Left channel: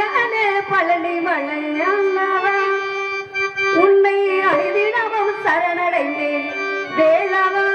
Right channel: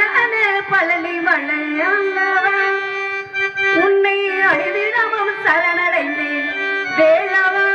அழகான பழனி மலையாண்டவன் உன்னை அழிவிடவும் சரணடைந்தேன் வேளவா.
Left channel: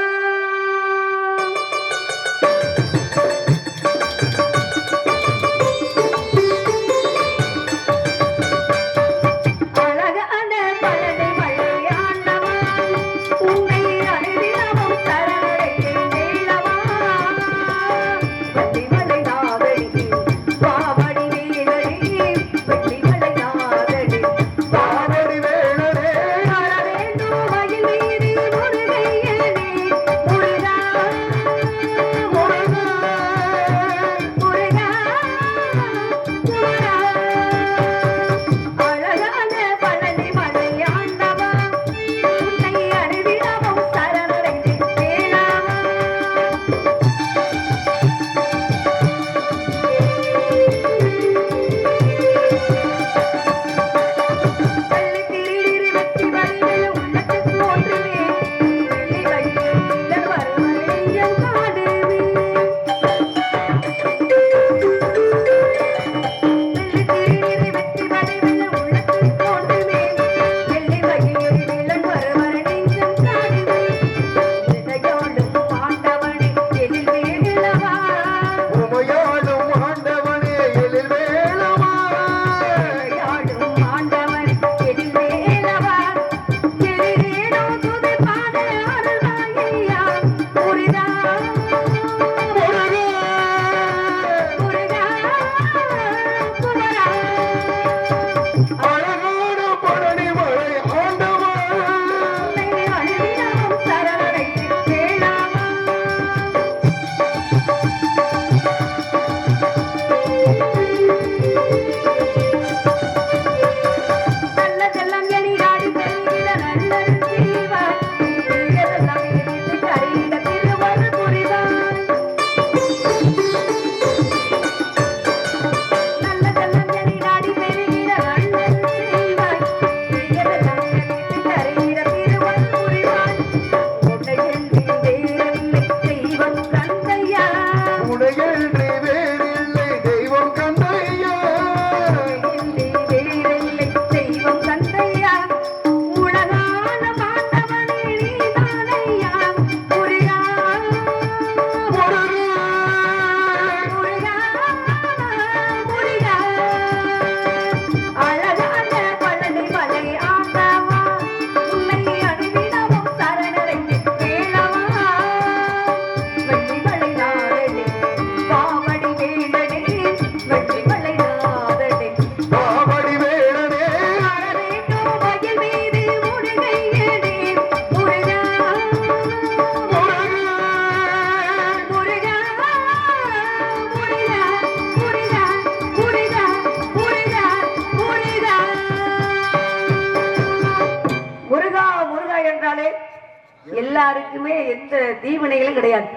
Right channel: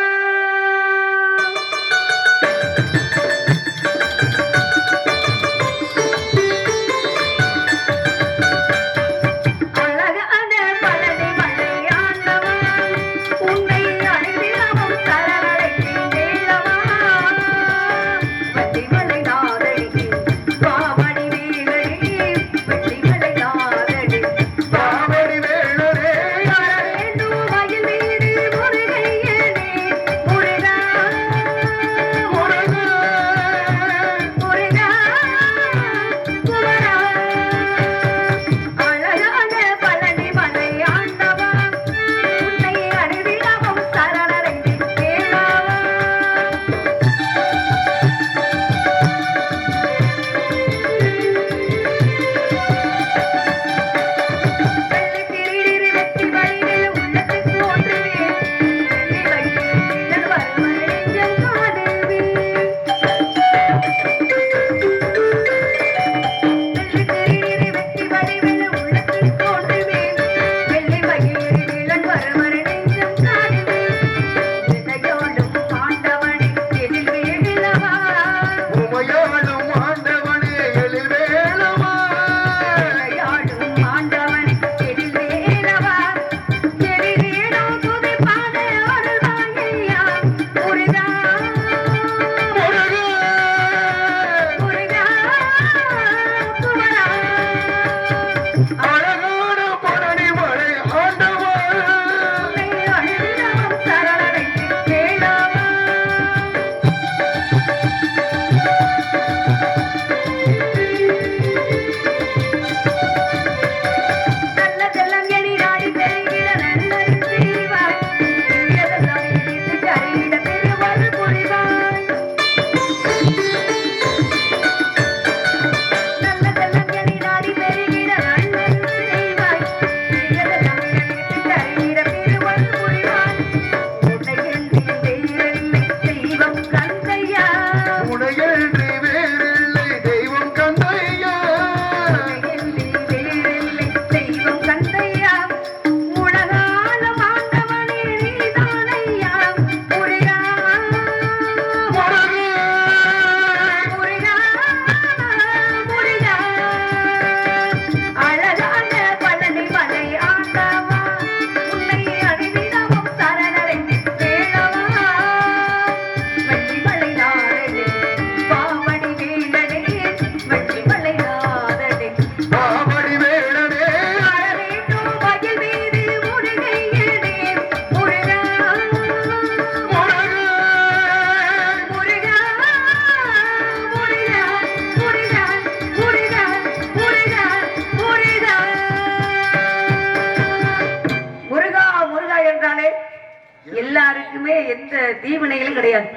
எல்லாருக்குமே எந்த தீவினைகளும் கிடையாது.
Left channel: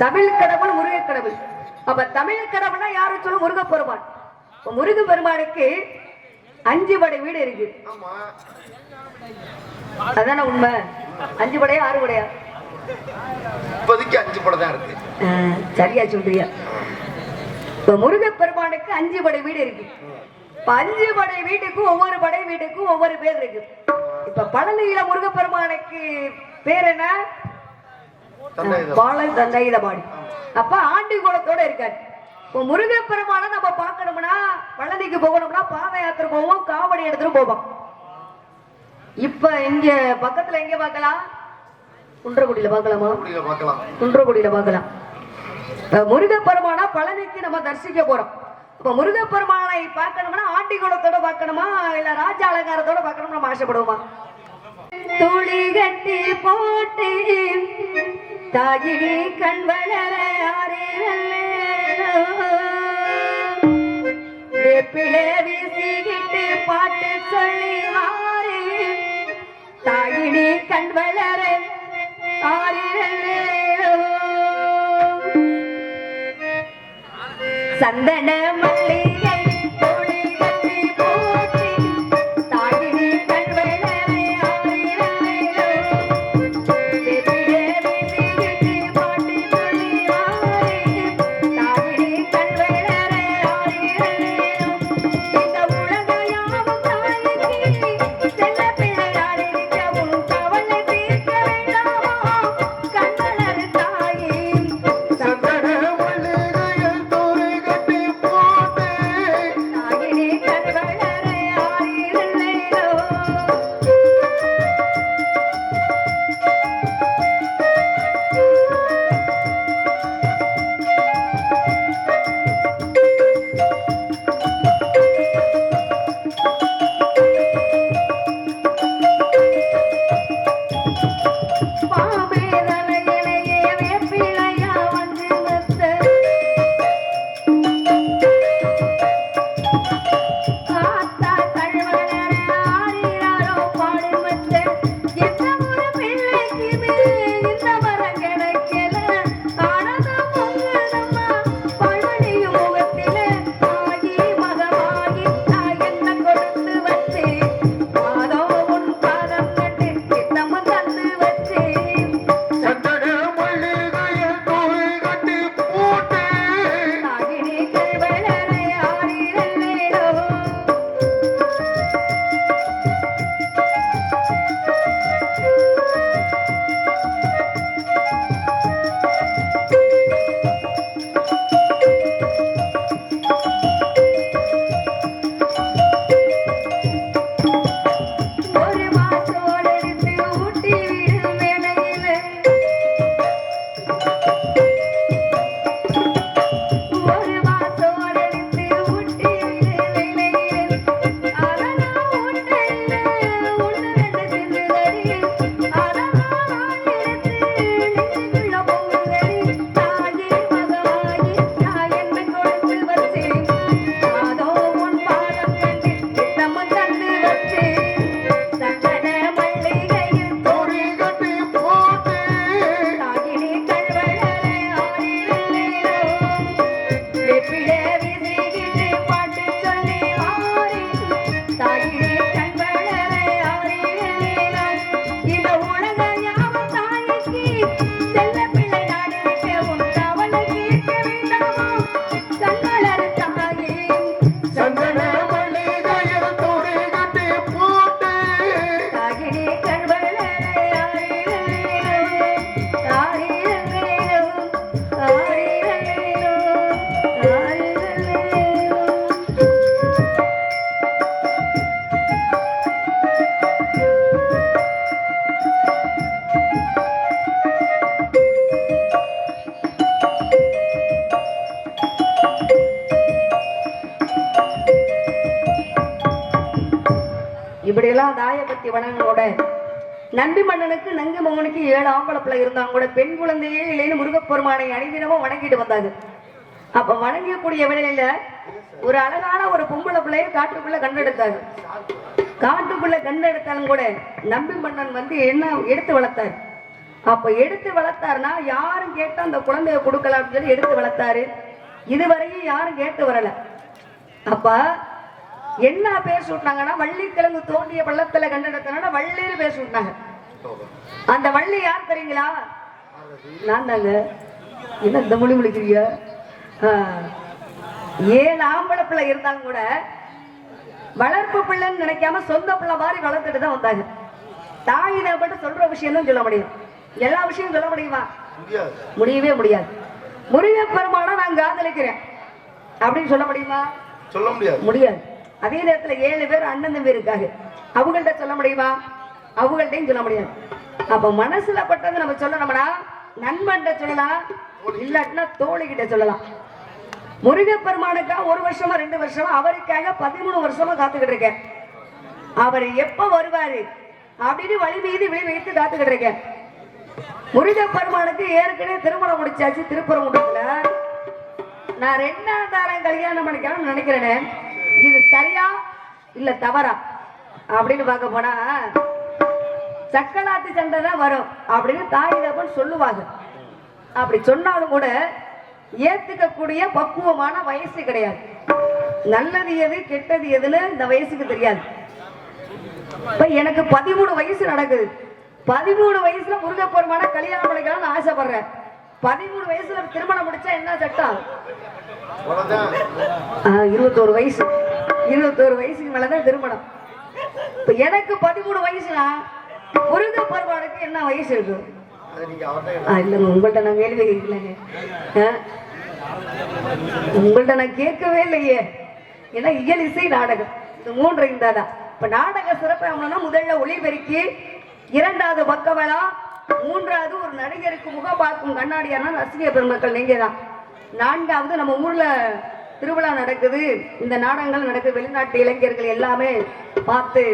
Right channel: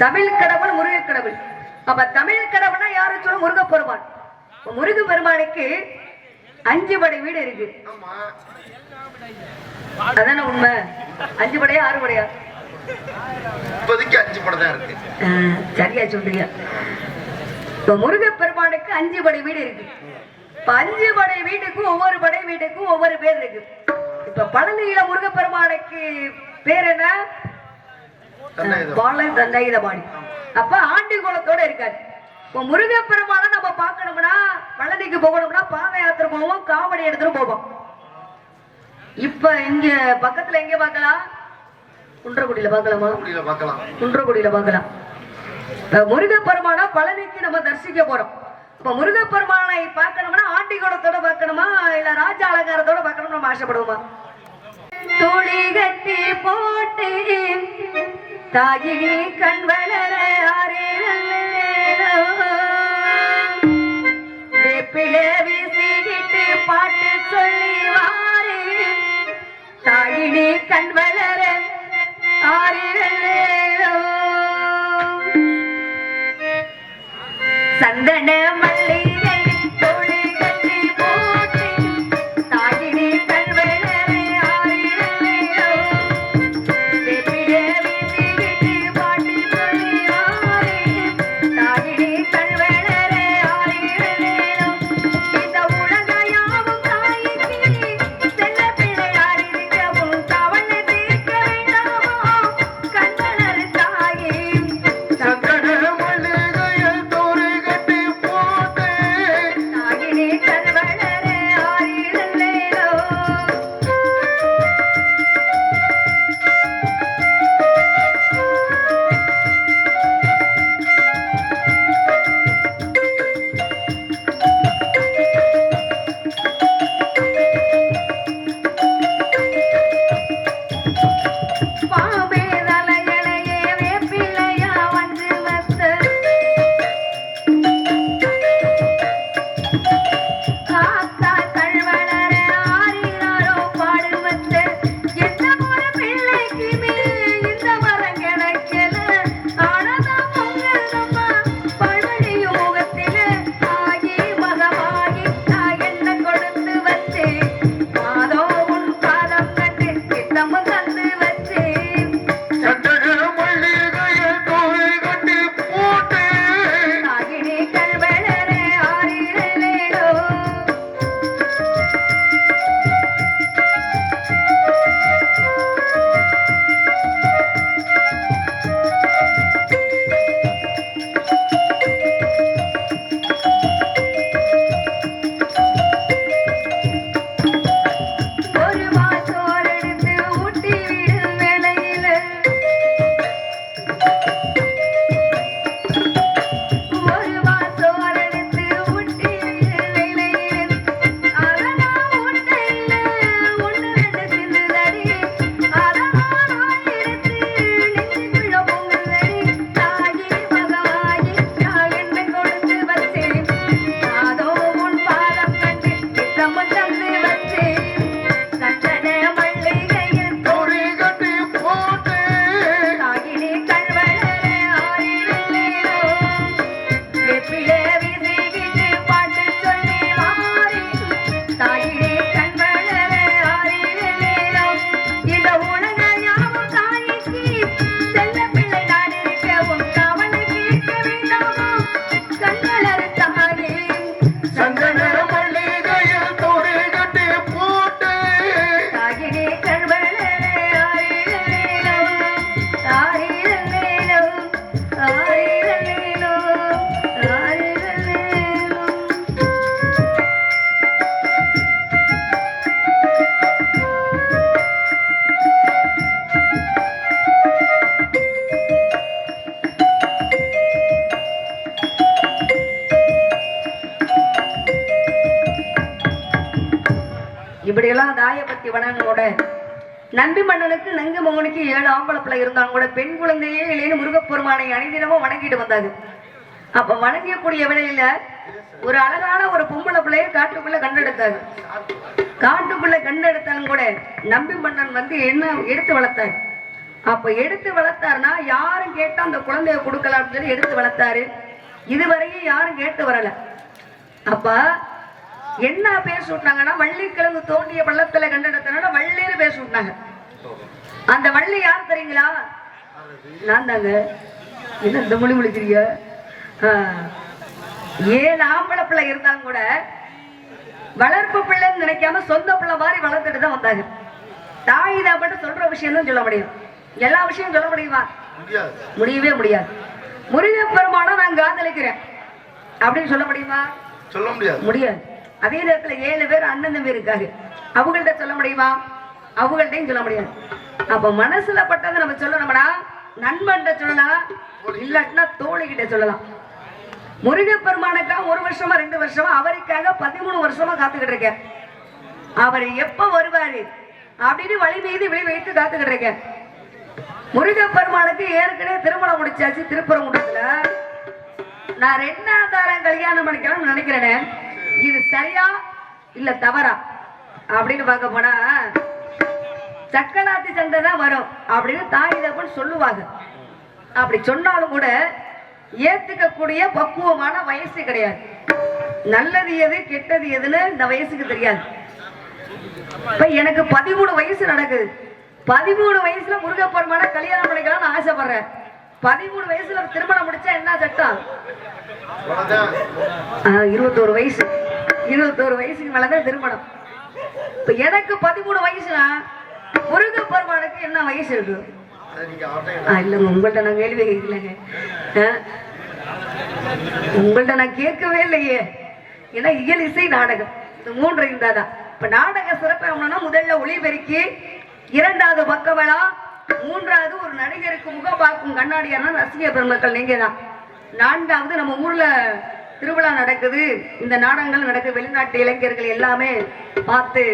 தமிழ் கடவுள் முருக கடவுள். அப்ப தமிழ் கடவுள்னா யாரு சொல்ல? முருக பெருமான். முருக பெருமானுக்கு 5 படை வீடு இருக்கு. அதான உண்மை? 5 படையா 6 படையா? இப்போதைக்கு 5 படை தான் இருக்கு. சரியா சொல்றியா? இப்ப முருக பெருமானுக்கு 5 படை வீடு இருக்கு. இப்ப 5 படை வீட்டுக்கும் ஒவ்வொரு படை வீட்டுக்கும் ஒவ்வொரு பேர் இருக்கு. இப்ப பழனியில முருகப்பெருமானுக்கு பேர் என்ன? பாலை தண்டைதபாடி. அப்ப ஆண்டி குலத்தோட இருக்காரு. இப்ப முருகப்பெருமான நம்ம பார்க்கணும்னா பழனிக்கு போகணும்னா பாத யாத்திரை போவோம், காவடி எடுத்துட்டு போவோம். இப்ப இங்க பக்கத்துல எங்க பார்க்கலாம்? குன்றக்குடியில பார்க்கலாமா? குன்றக்குடியில பார்க்கலாம். முருகப்பெருமானா பழனிக்கு நம்ம தரிசிக்க போறோம். இப்ப முருகப்பெருமானை பார்க்கணும்னா ஆண்டி குலத்தோட பார்க்கணுமா இல்ல ராஜ அலங்காரத்தோட பார்க்கணும் நம்ம ஆசைப்படுவோமா? துளி கட்டி போட்டு தாயினி கண் வளர வேப்பிலே வீசிக்கிட்டு பாட்டு சொல்லி வாரு தாயினி கண் வளர சந்தன மல்லிகை தோழி கட்டி போட்டு தாயினி கண்வளரே ஆரிரல்லையோ வேப்பிலே வீசிக்கிட்டு பாட்டு சொல்லி வாரு தாயினி கண்வளரே ஆரிரல்லையோ சந்தன மல்லிகையில் துணி கட்டி போட்டு தாகினி கண்வளே ஆயிரலேலோ ஆயிரலேலோ ஆயிரலேலோ ஆயிரலேலோ. இப்படியெல்லாம் தாயபத்தி வணங்கோட நம்பி மன்னனுக்கு நங்கு மகனுக்கு 7 ஆம்பளை பிள்ளை இருந்தாங்க கூட பெண் குழந்தையே இல்லைன்னு முருகப்பெருமானை அணிதினமும் வணங்கிட்டு வந்தாங்க. அப்ப வணங்கக்கூடிய வேளையில ஒரு அழகான ஒரு பொம்பளை பிள்ளைய காட்டுக்குள்ள கண்டெடுத்தாங்க. காட்டுக்குள்ள கண்டெடுத்தாலும் கூட நம்பி மன்னன் வந்து என்ன எடுத்து வளர்த்தாரு. அப்ப எடுத்து வளர்த்தாருன்னா யாரும் கேட்டா அந்த குழந்தைய கொடுக்கல அப்படின்னு சொல்லி எடுத்து வளர்த்தாரு. இதுவரையும் யாரும் கேட்டு வரல. அப்ப என்ன பேர் சுட்டாங்கன்னா வள்ளிக்கிழங்கு தோண்டிய பள்ளத்துல கண்டெடுத்தனால வள்ளின்னு பேர் சுட்டாங்க. அந்த வள்ளி யார் தெரியுங்களா? நான் தாங்க. என்ன இந்த மொழி முடிக்கிறீங்க? 7 ஆம்பளை பிள்ளை இருந்தாலும் கூட வளர்ப்பு பிள்ளைன்னு நினைக்காம சொந்த பிள்ளை மாதிரி வளர்த்துட்டு தான் வந்தாங்க. தாய் தான் சொல்ற விஷயம் தான் சொல்ல முடியும். எல்லா விஷயம் சொல்ல முடியுமா? முடியவே முடியாது. முருகப்பெருமானை நான் காதலிக்கிறேன் அப்படின்னு சொல்ல முடியுமா? சொல்ல முடியாது. முடியாது. அதே நேரத்துல 7 பேர் அண்ணன் தம்பி இருக்காங்க. அவங்கள்ட்ட சொல்ல முடியுமா? அவங்கள்ட்டையும் சொல்ல முடியாது. அப்ப மனசுல பட்டதை நம்ம சொல்லணும்னா நண்பன்கிட்ட சொல்லலாம், இல்லாட்டினா தோழிகிட்ட சொல்லலாம். முருகப்பெருமானுக்கா 1 வருஷமா 2 வருஷமா அவருக்காக 13 வருஷமா காத்துக்கிட்டு இருக்கேன். அவர் எப்ப வருவாரு அப்படின்னு வழி மீது விழி வைத்து காத்துக்கிட்டு இருக்கேன். முருகப்பெருமானுக்கு ஏற்கனவே திருமணம் முடிச்சாச்சு. திருப்பரங்குன்றத்துல நான் 2ஆம் தாரம் கல்யாணம் பண்ணிக்கலாம்னு நினைக்கிறேனே, இது சரியா இல்ல தவறா அப்படின்னு பார்க்க போனா சக்கலாத்தி சண்டை தான் வரும் அப்படின்னு தாய் தகவல் சொல்லுவாங்க. அப்படி சொன்னாலும் கூட ஏத்துக்கக்கூடிய பக்குவமான வயசு கிடையாது. நல்லது எது கெட்டது எதுன்னு இந்த வயசுக்கு தெரியாது. இப்ப எனக்கு 13 வயசு நடக்குது. 13 வயசுல முருகப்பெருமான கல்யாணம் பண்ணிக்கலாம்னு ஆசைப்படுறேன். 13 வயசுல திருமணம் முடிச்சா என்ன சட்டம்? 21 வயசு. 21 வயசுக்கு மேலதான் திருமணம். இப்ப எனக்கு 13 வயசுனா முருகப்பெருமானுக்கு என்ன வயசு இருக்கு? இல்லங்க, உங்கள்ட்ட நான் கேள்வி கேட்கலங்க. உங்கள்ட்ட நான் கேட்கவே இல்லையே. ஏன்னா இயல் இசை நாடகம் இது 3 இருந்தாதான். இப்ப நாடக சிறப்பு முதல்ல ஒளிபெருக்கி, 2வது பக்கவளா, 3வது ஒரு நடிகருக்கு முகம் பார்க்கும் கண்ணாடியான ரசிக பெருமக்கள் நீங்க தான். 4வது நம்ம ஊர்ல திருவிழா நடக்குது, இந்த நாடகங்கள் நடக்குது. வெளிநாட்டு இளைஞர்கள் எல்லாமே பார்த்து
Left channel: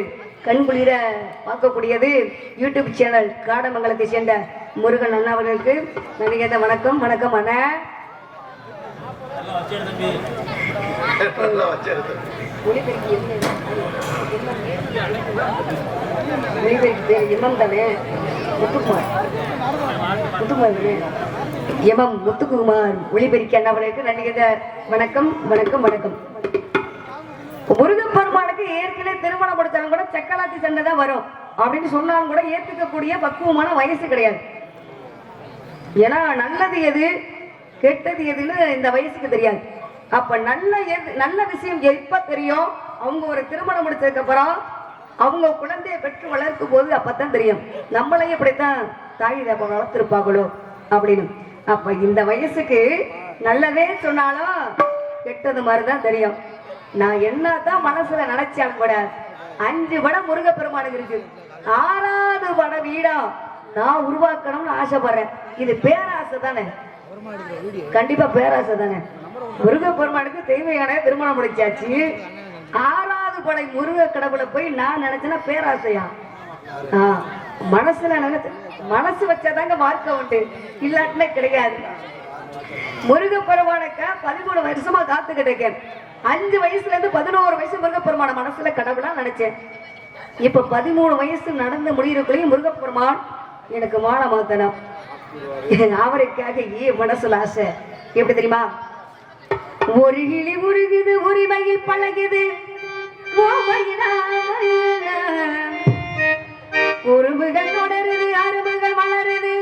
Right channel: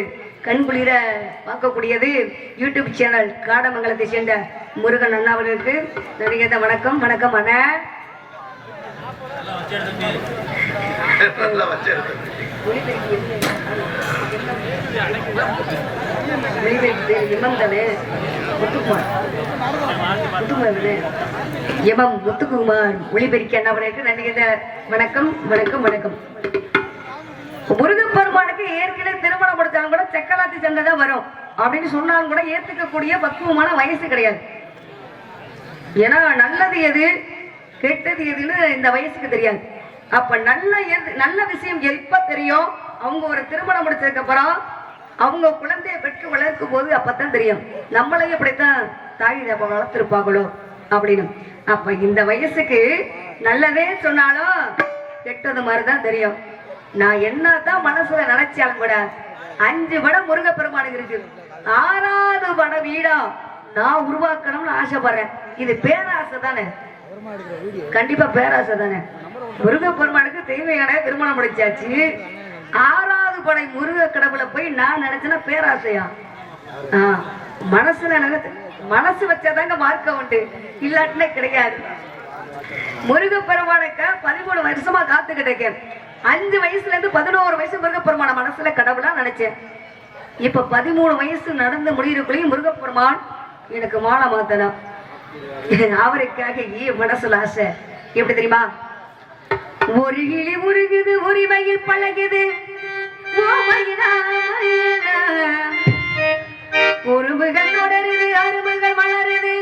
கண்குளிர பார்க்கக்கூடியது யூடியூப் சேனல் காடமங்கலத்தை சேர்ந்த முருகன் அண்ணாவர்களுக்கு நடிகை வணக்கம். வணக்கம் அண்ணா. முத்துக்குமார் ஒளிபெருக்கி அண்ணாவர்களுக்கு நடிகை வணக்கம். வணக்கம் வணக்கம். முருகப்பெருமானுக்கு ஏற்கனவே திருமணம் கொடுத்தாலும் கூட சக்கலாத்தி சண்டை தான் வரும் அப்படின்னு சொன்னாலும் கூட ஏத்துக்கக்கூடிய பக்குவமான வயசு கிடையாது. ஏன்னா நல்லது எது கெட்டது எதுன்னு இந்த வயசுக்கு தெரியாது. அப்ப நல்ல விஷயம் எப்ப தெரியும்? அவங்க ஒரு திருமணம் முடிச்சதுக்கு அப்புறம் அவங்க குழந்தைய பெற்று வளர்க்கும் போது அப்பதான் தெரியும் நம்மளையும் இப்படித்தான் தாய் தப்ப வளர்த்திருப்பாங்களோ அப்படின்னு. அப்ப இந்த வயசுக்கு நல்லதே சொன்னாலும் கெட்டது மாதிரிதான் தெரியும். நான் என்னதான் மனசுல நினைச்சாலும் கூட 5 படம் முருகப்பெருமானுக்கு இருக்கு. 6வது படம் வீடா நான் உருவாக்கணும்னு ஆசைப்படுறேன். இது பேராசை தானே? கண்டிப்பா பேராசை தானே. முருகப்பெருமானுக்கு தெய்வயான திருமணம் முடிச்சாச்சு. 6வது படை முருக கடவுளை போய் நான் நினைச்சேன்னா பேராசையா? மனசுல மனசு வச்சாதாங்க மார்க்க உண்டு, இல்லாட்டினே கிடையாது. முருகப்பெருமானுக்கு 13 வருஷமா காத்துக்கிட்டு இருக்கேன். 5 வயசுல இருந்து 11 வயசு முருகப்பெருமான மனசுல கடவுளா நினைச்சேன். இப்ப 13 வயசு நடந்து முடியறக்குள்ளேயும் முருகப்பெருமான் எனக்கு மாலை மாத்தணும். அவருக்காக மனசுல ஆசை. எப்படி தெரியுமா? ஒரு கிளி முருகுது உரிமையில் பழகுது, உருவுகள் தொடருது, அருமைகள் வளருது,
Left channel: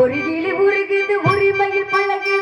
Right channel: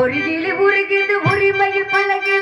ஒரு கிளி உருகுது உரிமையில் பழகுது,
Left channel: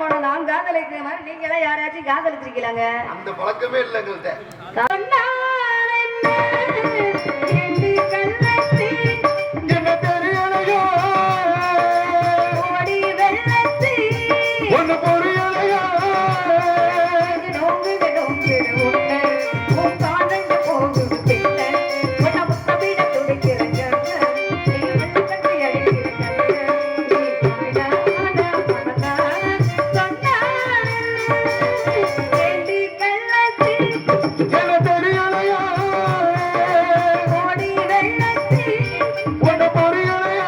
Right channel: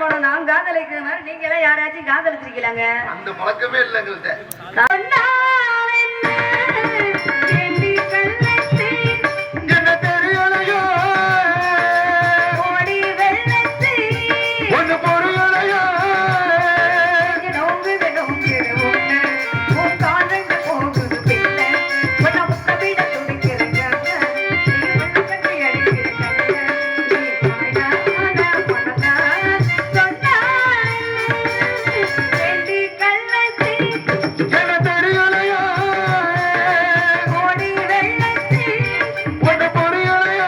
பெருமாள் நான் காதலிக்கிற மாதிரி நீங்க எல்லாம் யாராச்சும் காதலிச்சிருக்கீங்களாங்க? அந்த பழக்கமே இல்லை எங்கள்கிட்ட. என்ன தெரியலையா ஒண்ணு புரியலையா என்ன தெரியலையா ஒண்ணு புரியலையா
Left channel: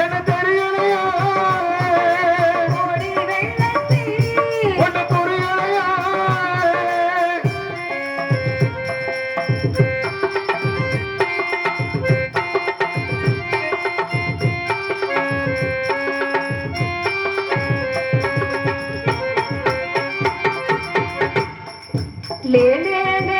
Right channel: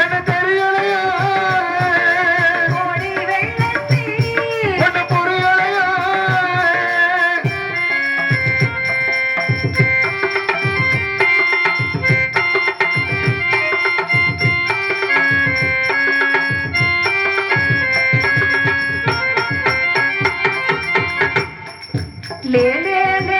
என்ன தெரியலையா ஒண்ணு புரியலையா லே லே லே